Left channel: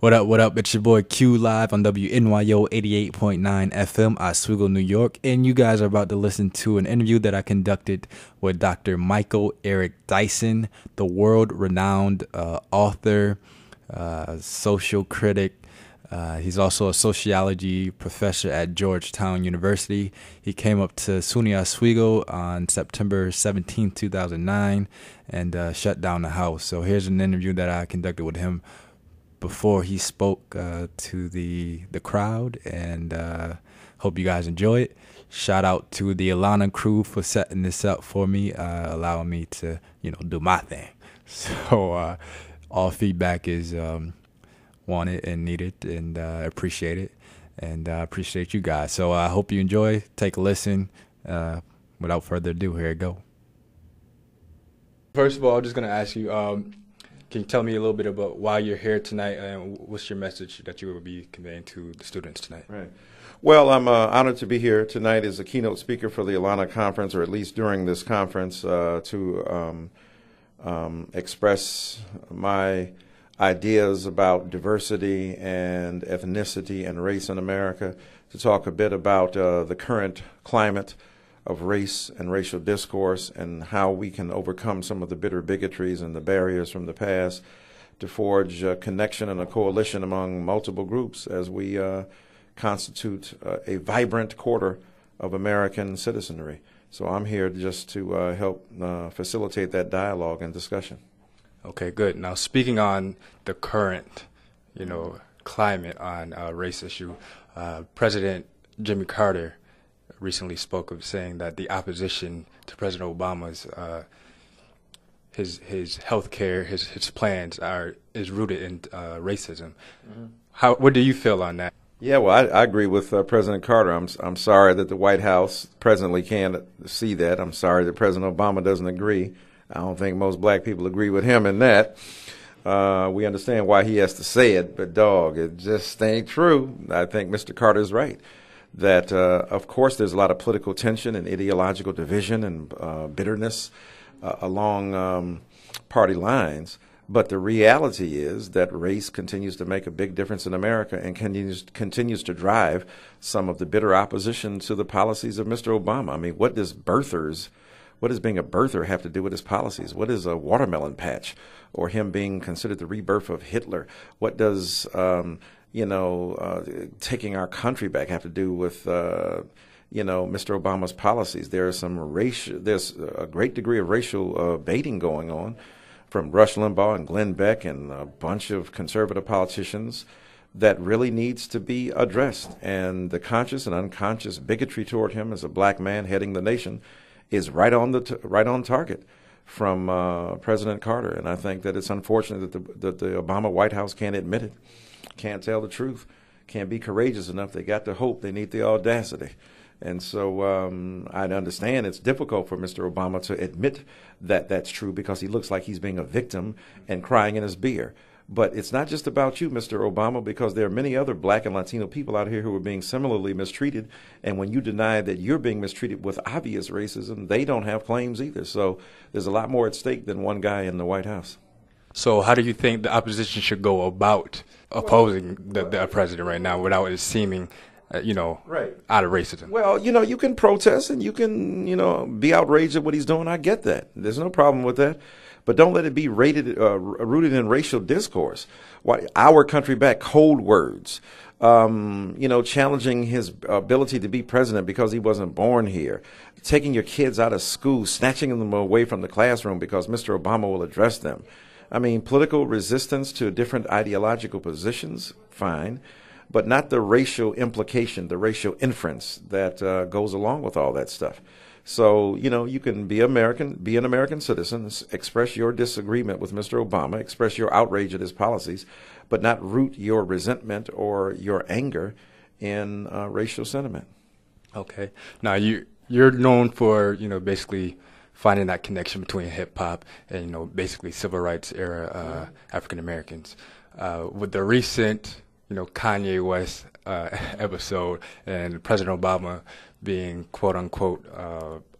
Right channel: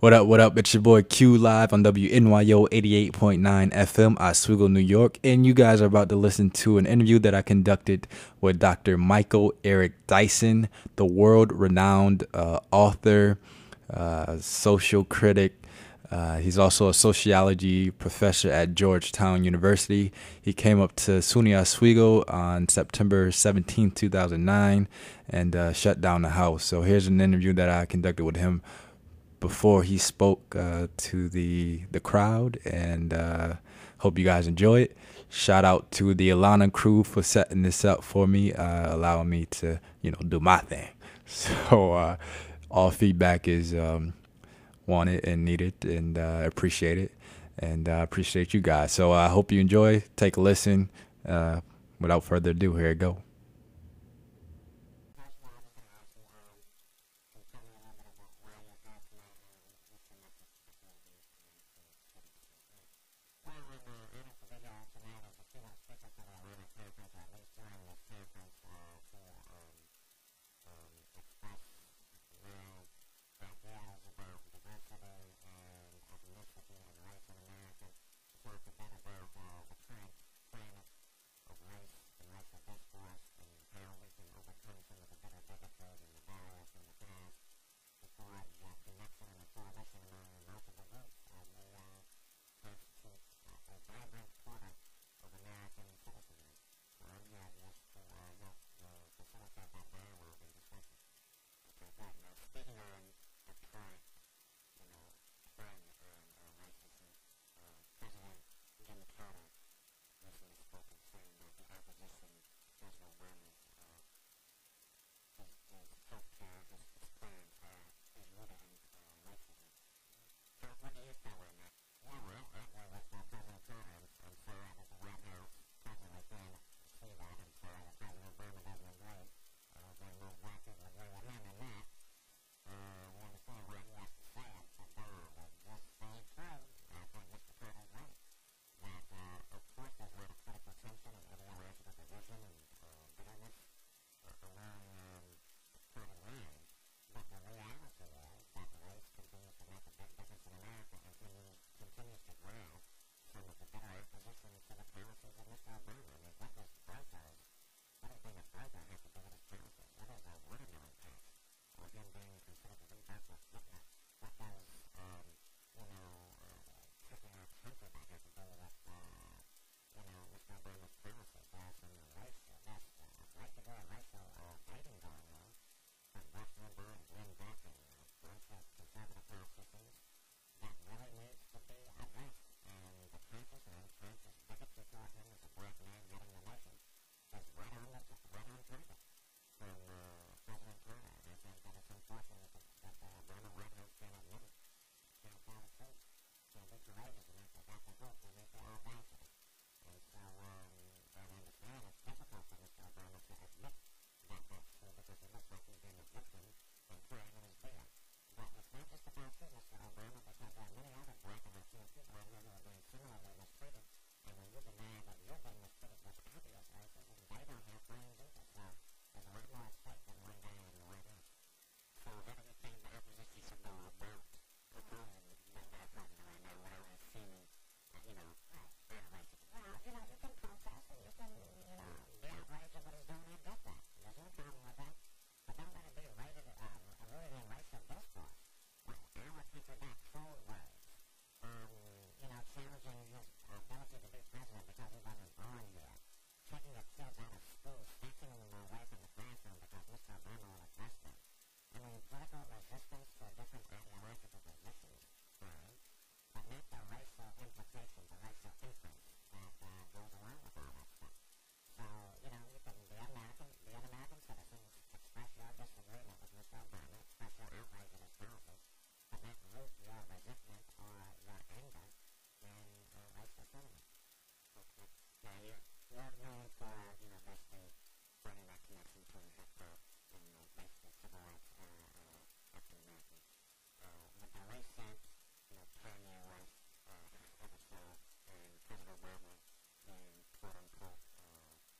What up, what up? It's your boy Q live on WNYO 88.9 FM, Oswego, New York. And you guys are about to listen to an interview that I conducted with Dr. Michael Eric Dyson, the world-renowned author, social critic. He's also a sociology professor at Georgetown University. He came up to SUNY Oswego on September 17, 2009, and shut down the house. So here's an interview that I conducted with him before he spoke to the crowd, and hope you guys enjoy it. Shout out to the Alana crew for setting this up for me, allowing me to, do my thing. So all feedback is wanted and needed, and appreciate it, and appreciate you guys. So I hope you enjoy. Take a listen. Without further ado, here it go. First of all, I'm just going to ask you, can you tell me a little bit about why you're here tonight, and what's your message that you will be conveying to the students tonight? Right. Well, I'm honored to be here tonight as a keynote speaker for the Alana Conference, or at least during this conference, to express my ideas about diversity and ethnicity and race in America, to talk a bit about the current climate of race and racial discourse and how we can overcome some of the bitter bigotries and the barriers from the past to forge a connection and a coalition among multiple groups as we constitute a vibrant quarter of American citizenry. So I'm here just to help facilitate that dialogue and discussion. Okay, good. Now, speaking on the current, climate on race issue, President Jimmy Carter recently spoke of saying that the opposition to President Obama's his health care, his plans is rooted in racism. Mm-hmm. What do you feel on that? Yeah, well, I agree with President Carter. I'm sorry that the White House presently can't see that. I'm sorry that President Obama doesn't agree. I don't think most black people agree with him in that. We understand why he has to say it, but dog, it just ain't true. I think Mr. Carter's right. That, of course, there's a lot of political tension and ideological division and bitterness along party lines. But the reality is that race continues to make a big difference in America and continues to drive some of the bitter opposition to the policies of Mr. Obama. I mean, what does being a birther have to do with his policies? What is a watermelon patch or him being considered the rebirth of Hitler? What does taking our country back have to do with, Mr. Obama's policies? There's a great degree of racial baiting going on from Rush Limbaugh and Glenn Beck and a bunch of conservative politicians that really needs to be addressed. And the conscious and unconscious bigotry toward him as a black man heading the nation is right on target from President Carter. And I think that it's unfortunate that the Obama White House can't admit it. Can't tell the truth, can't be courageous enough. They got the hope, they need the audacity. And so I understand it's difficult for Mr. Obama to admit that that's true because he looks like he's being a victim and crying in his beer. But it's not just about you, Mr. Obama, because there are many other black and Latino people out here who are being similarly mistreated. And when you deny that you're being mistreated with obvious racism, they don't have claims either. So there's a lot more at stake than one guy in the White House. So how do you think the opposition should go about opposing the president right now without it seeming, right, out of racism? Well, you can protest and you can, be outraged at what he's doing. I get that. There's no problem with that. But don't let it be rooted in racial discourse. Our country back, cold words, challenging his ability to be president because he wasn't born here, taking your kids out of school, snatching them away from the classroom because Mr. Obama will address them. I mean, political resistance to different ideological positions, fine, but not the racial implication, the racial inference that goes along with all that stuff. So, you can be an American citizen, express your disagreement with Mr. Obama, express your outrage at his policies, but not root your resentment or your anger in racial sentiment. Okay. Now, you're known for, basically finding that connection between hip hop and, basically civil rights era African Americans. With the recent, Kanye West episode and President Obama being quote unquote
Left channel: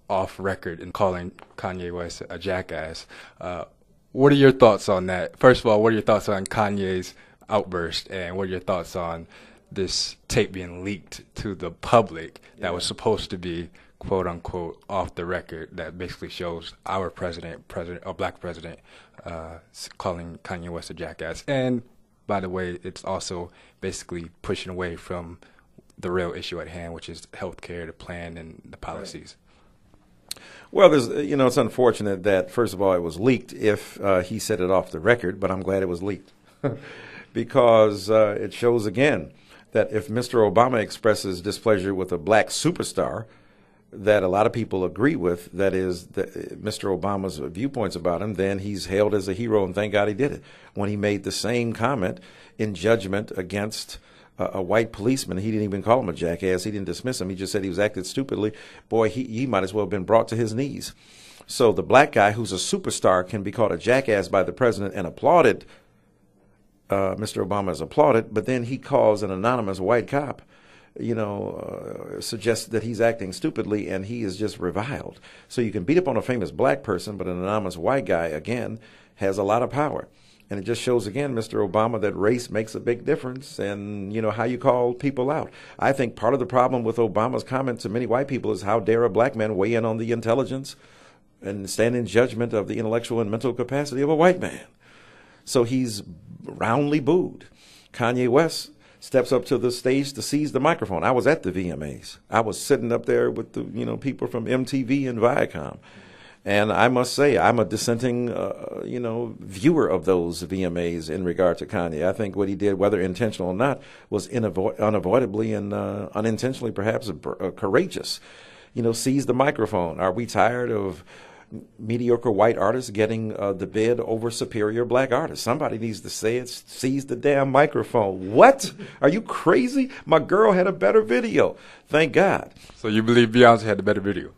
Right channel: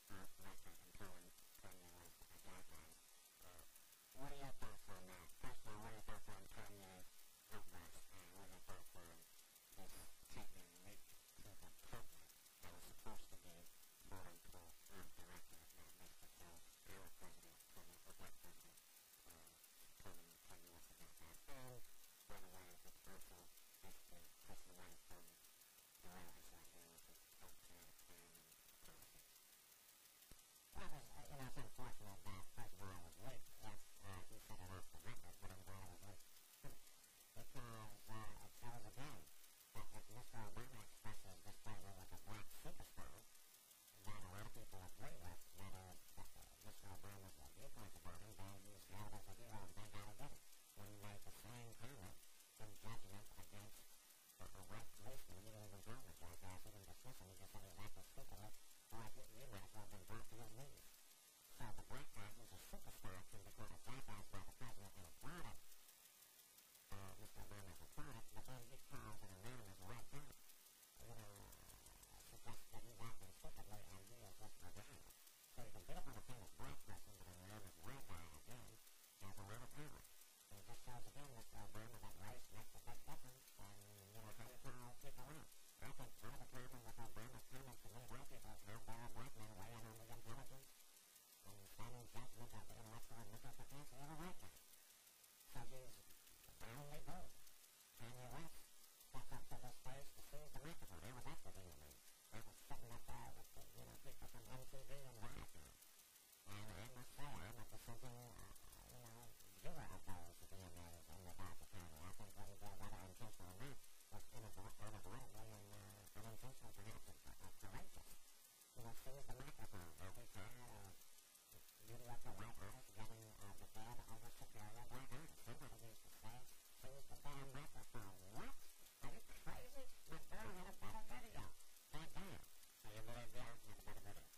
off record and calling Kanye West a jackass, what are your thoughts on that? First of all, what are your thoughts on Kanye's outburst, and what are your thoughts on this tape being leaked to the public that was supposed to be quote unquote off the record, that basically shows our black president, calling Kanye West a jackass? And by the way, it's also basically pushing away from the real issue at hand, which is healthcare, the plan, and the policies. Right. Well, it's unfortunate that, first of all, it was leaked if he said it off the record, but I'm glad it was leaked because it shows again that if Mr. Obama expresses displeasure with a black superstar that a lot of people agree with, that is Mr. Obama's viewpoints about him, then he's hailed as a hero, and thank God he did it. When he made the same comment in judgment against a white policeman, he didn't even call him a jackass. He didn't dismiss him. He just said he was acting stupidly. Boy, he might as well have been brought to his knees. So the black guy who's a superstar can be called a jackass by the president and applauded. Mr. Obama is applauded, but then he calls an anonymous white cop, suggests that he's acting stupidly, and he is just reviled. So you can beat up on a famous black person, but an anonymous white guy, again, has a lot of power. And it just shows, again, Mr. Obama, that race makes a big difference, and, how you call people out. I think part of the problem with Obama's comment to many white people is, how dare a black man weigh in on the intelligence and stand in judgment of the intellectual and mental capacity of a white man. So he's roundly booed. Kanye West steps up to the stage to seize the microphone. I was at the VMAs. I was sitting up there with the people from MTV and Viacom. And I must say, I'm a dissenting, viewer of those VMAs in regard to Kanye. I think what he did, whether intentional or not, was unavoidably and unintentionally perhaps courageous. Seize the microphone. Are we tired of mediocre white artists getting the bid over superior black artists? Somebody needs to say it. Seize the damn microphone. What? Are you crazy? My girl had a better video. Thank God. So you believe Beyonce had the better video?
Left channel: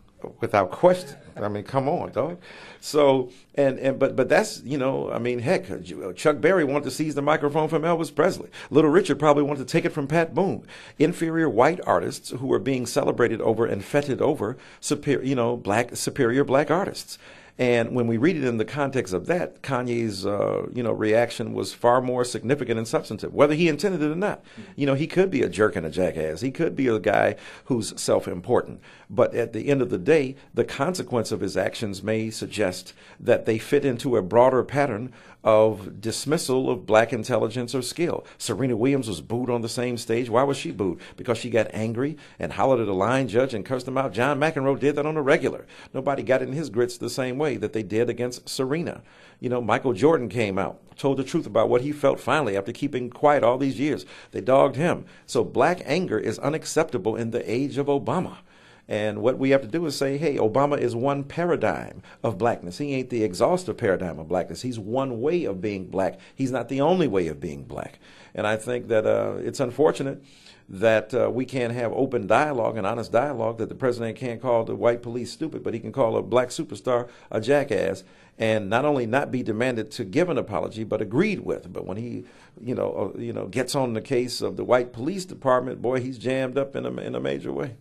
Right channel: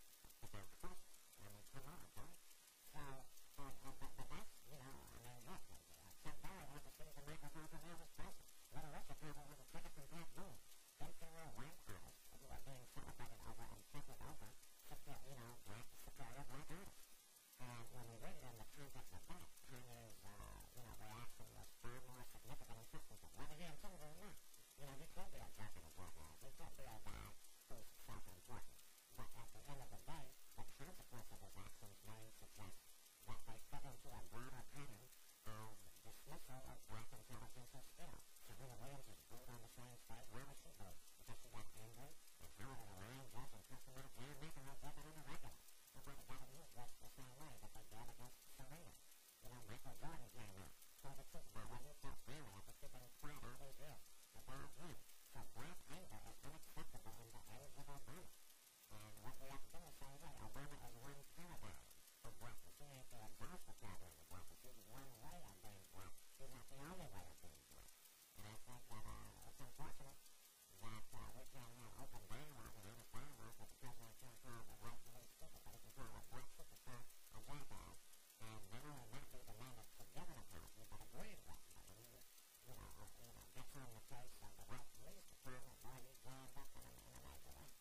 Without question. I mean, come on, dog. So, but that's, heck, Chuck Berry wanted to seize the microphone from Elvis Presley. Little Richard probably wanted to take it from Pat Boone. Inferior white artists who were being celebrated over and feted over superior black artists. And when we read it in the context of that, Kanye's, reaction was far more significant and substantive, whether he intended it or not. He could be a jerk and a jackass. He could be a guy who's self-important. But at the end of the day, the consequence of his actions may suggest that they fit into a broader pattern of dismissal of black intelligence or skill. Serena Williams was booed on the same stage. Why was she booed? Because she got angry and hollered at a line judge and cursed him out. John McEnroe did that on a regular. Nobody got in his grits the same way that they did against Serena. Michael Jordan came out, told the truth about what he felt finally after keeping quiet all these years. They dogged him. So black anger is unacceptable in the age of Obama. And what we have to do is say, hey, Obama is one paradigm of blackness. He ain't the exhaustive paradigm of blackness. He's one way of being black. He's not the only way of being black. And I think that it's unfortunate that we can't have open dialogue and honest dialogue, that the president can't call the white police stupid, but he can call a black superstar a jackass, and not only not be demanded to give an apology, but agreed with. But when he gets on the case of the white police department, boy, he's jammed up in a major way.